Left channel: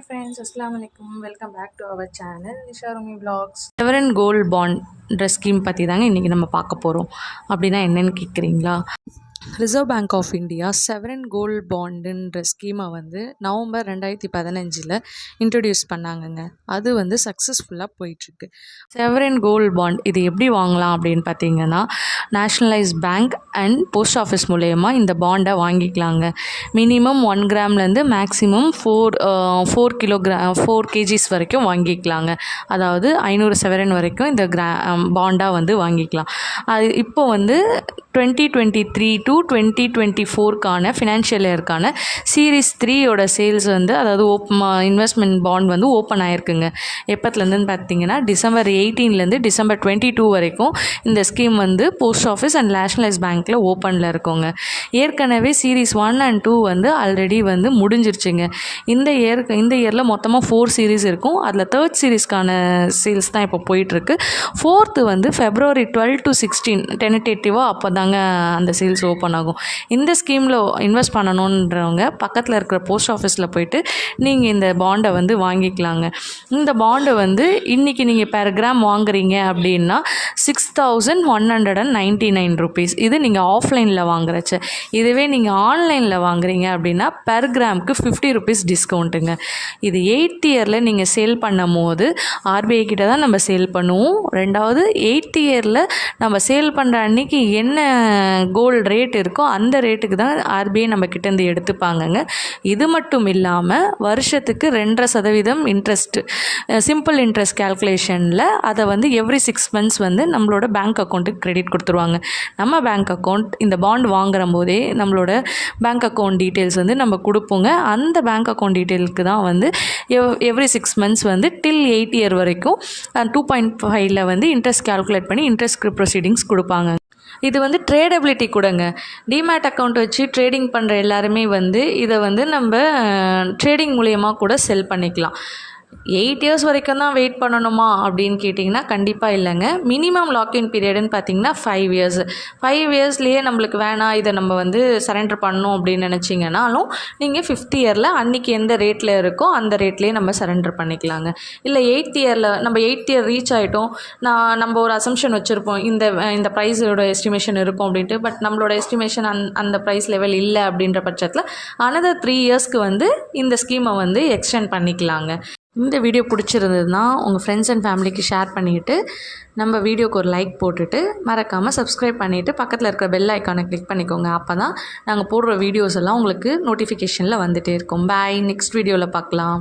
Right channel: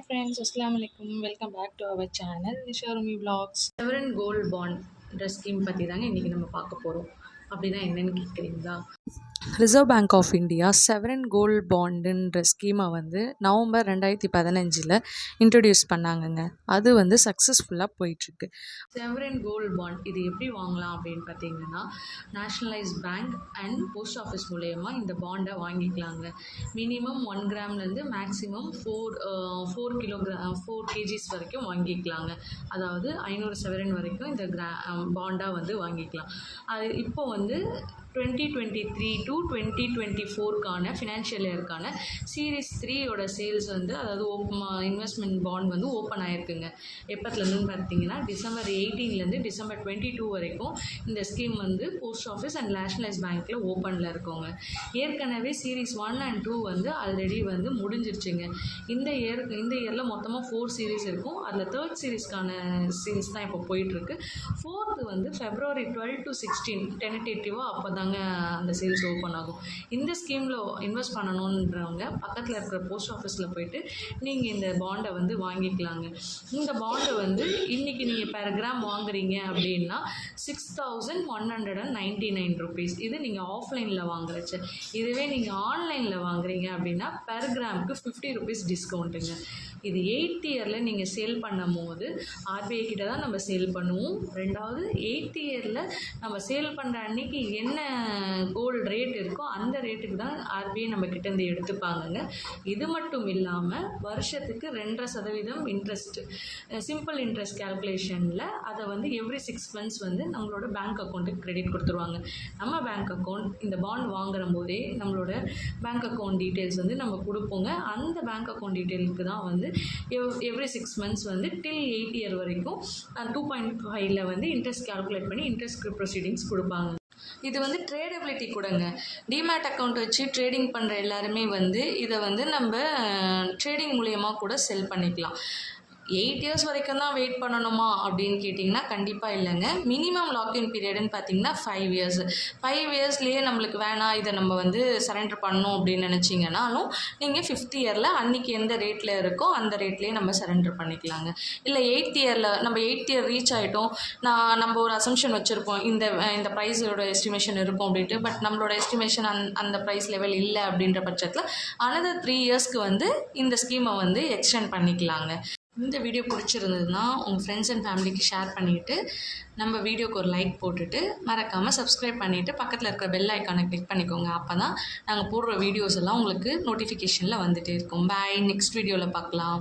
Hi friends, Assalamu alaikum. Welcome back to our channel Nisha Rumi Vlogs. Sovereign Gold Bond ட்ரெஸ் scheme பற்றி தாங்க இன்றைக்கி நம்ம பார்க்க போகிறோம். அப்படின்னா என்னென்னு கேட்குறீங்களா? Reserve Bank of India sovereign gold பாண்டுன்ற ஸ்கீமை வந்து நவம்பர் 2015 இன்ட்ரடியூஸ் பண்ணாங்கங்க. அது வந்து சக்ஸஸ்ஃபுல்லாக போயிட்டுருக்கு. செவரன் கோல்டு பாண்ட் இது எப்படி வாங்கலாம் அப்படின்னு பார்த்தீங்கன்னா, nationalise bank and post office மூலயமா இந்த பாண்டை வாங்கிக்கலாங்க. மினிமம் 1 கிராம்லேருந்து மேக்ஸிமம் 4 kgs வரைக்கும் வாங்கிக்கலாங்க. அதாவது 500 செவரன் வரைக்கும் இந்த பாண்டாக வந்து வாங்கிக்கலாம். அது இப்போ வந்து 2023 to 2024க்கான ஃபினான்ஷியல் இயர்க்கான சீரீஸ் 3யோட சேல்ஸ் வந்து, அதாவது இன்வெஸ்ட்மெண்ட் பாண்ட் வந்து ஓப்பன் ஆகிருக்குங்க. எப்போத்துலேருந்துன்னு பார்த்தீங்கன்னா டிசம்பர் 18லேருந்து டிசம்பர் 22 வரைக்கும் இந்த ஸ்கீம் வந்து போஸ்ட் ஆஃபீஸ் அண்ட் நேஷ்னலைஸ் பேங்க்கில் ஓப்பனில் இருக்குங்க. ஏற்கனவே சீரீஸ் 1 and 2 வந்து ஆல்ரெடி வந்து முடிஞ்சிருச்சுங்க. இந்த இயரில் மொத்தமாக 4 சீரீஸ் இருக்கும். அதில் 3rd சீரீஸ்க்கான சேல்ஸ் தான் இப்போ போயிட்டுருக்கு. 4th வந்து February 12 to 16 டென்டேட்டிவாக அப்போ தாங்க அந்த சேல்ஸ் ஓப்பன் ஆகும். இந்த ஸ்கீமில் இன்வெஸ்ட் பண்ணணுன்றவங்க பக்கத்தில் இருக்கிற போஸ்ட் ஆஃபீஸில் போயிட்டு நீங்கள் இந்த பாண்டை வந்து வாங்கிக்கலாங்க. இந்த பாண்டை வந்து இன்றைக்கி நீங்கள் பெர் கிராம் வாங்குறீங்க அப்படின்னா 6199 rupees. இது நீங்கள் ஆஃப்லைனில் வாங்குறச்ச. இதுவே நீங்கள் ஆன்லைனில் வாங்குறீங்க அப்படின்னா பெர் கிராமுக்கு 50 rupees டிஸ்கவுண்ட்டுங்க. இது 8th இயரில் நீங்கள் சேல் பண்ணும் போது ஆர்பிஐ கிட்ட தான் நம்ம சேல் பண்ணுவோம். ரெண்டாவது 8th இயரில் நம்ம சேல் பண்ணுற அன்றைக்கி என்ன கோல்டு ரேட் இருக்கோ அந்த ரேட்டுக்கு தான் ஆர்பிஐ நம்ம கிட்டேருந்து எடுத்துப்பாங்கங்க. இது மட்டும் இல்லாமல் வருஷத்துக்கு 2.5% இன்ட்ரெஸ்ட், சிம்பிள் இன்ட்ரெஸ்ட் கேல்குலேஷனில் அதை வந்து எவ்ரி 6 months வந்து நம்மளோட பேங்க் அக்கௌண்ட்டுக்கு கிரெடிட் கொடுத்துருவாங்க. நம்ம பேங்க் அக்கௌண்ட் இந்த பாண்ட் வாங்குற போதே நம்மளோட பேங்க் அக்கௌண்ட் டீட்டெயில்ஸ் வந்து நம்ம கொடுப்போங்க. அந்த பேங்க் அக்கௌண்ட் டீட்டெயிலுக்கு தான் வந்து எவ்ரி 6 months வந்து டில் 8th இயர் வரைக்கும் 2.5ல் வந்து இன்ட்ரெஸ்ட் கேல்குலேட் பண்ணி இன்ட்ரெஸ்ட் ப்ரொசீடிங்ஸ் கொடுப்பாங்க. இது வந்து ட்ரேடபிலிட்டி கூடங்க. டிமேட் அக்கௌண்ட் வச்சு ட்ரேடிங் பண்ணுற எல்லாருமே வந்து இதை வந்து நம்ம ட்ரேடிங் மூலயமா கூட செல் பண்ணிக்கலாம். 8 years வரைக்கும் தான் வெயிட் பண்ணணுமா அப்படின்னு கேட்டிங்கன்னா கண்டிப்பாக இல்லைங்க. மினிமம் லாக்இன் பீரியடுன்னு பார்த்தீங்கன்னா 5 years. 5 yearsலேயே நம்மளுக்கு வேணாம், இதை நம்ம வந்து சரண்டர் பண்ணணும் அப்படின்னு நினச்சிங்கனாலும் நீங்கள் 5th இயரில் அன்றைக்கி எந்த ரேட்டில் இருக்கோ அந்த ரேட்லேயே நம்ம சரண்டர் பண்ணிக்கலாங்க. இல்லை 8th இயரில் நம்ம 8th இயர் ரீச் ஆகிட்டோம், நம்ம ஒரு அசம்ஷன் வச்சுருப்போம் இந்த ப்ரைஸோட எஸ்டிமேஷன் இருக்கும் அப்படின்ட்டு. பட் நம்மளோட எஸ்டிமேஷன் அந்த ப்ரைஸ் லெவல் இல்லை அப்படின்ற பட்சத்தில் another 3 yearsக்கு வந்து இந்த ஸ்கீமை வந்து எக்ஸ்டெண்ட் பண்ணிக்கலாங்க. இந்த வீடியோ பிடிச்சிருந்ததுன்னா உங்கள் ஃப்ரெண்ட்ஸ் அண்ட் ஃபேமிலிக்கு ஷேர் பண்ணிவிட்டு நம்ம வீடியோக்கு ஒரு லைக் போட்டுட்டு மறக்காமல் சப்ஸ்கிரைப் பண்ணிவிட்டு பக்கத்தில் இருக்கிற பெல் ஐக்கானை கிளிக் பண்ணிக்கோங்க. அப்போ தான் நாங்கள் போடுற வீடியோஸ் எல்லாம் உங்களுக்கு நோட்டிஃபிகேஷனில் வந்துகிட்டே இருக்கும். பாய், நெக்ஸ்ட் வீடியோவில் பார்க்கலாம்.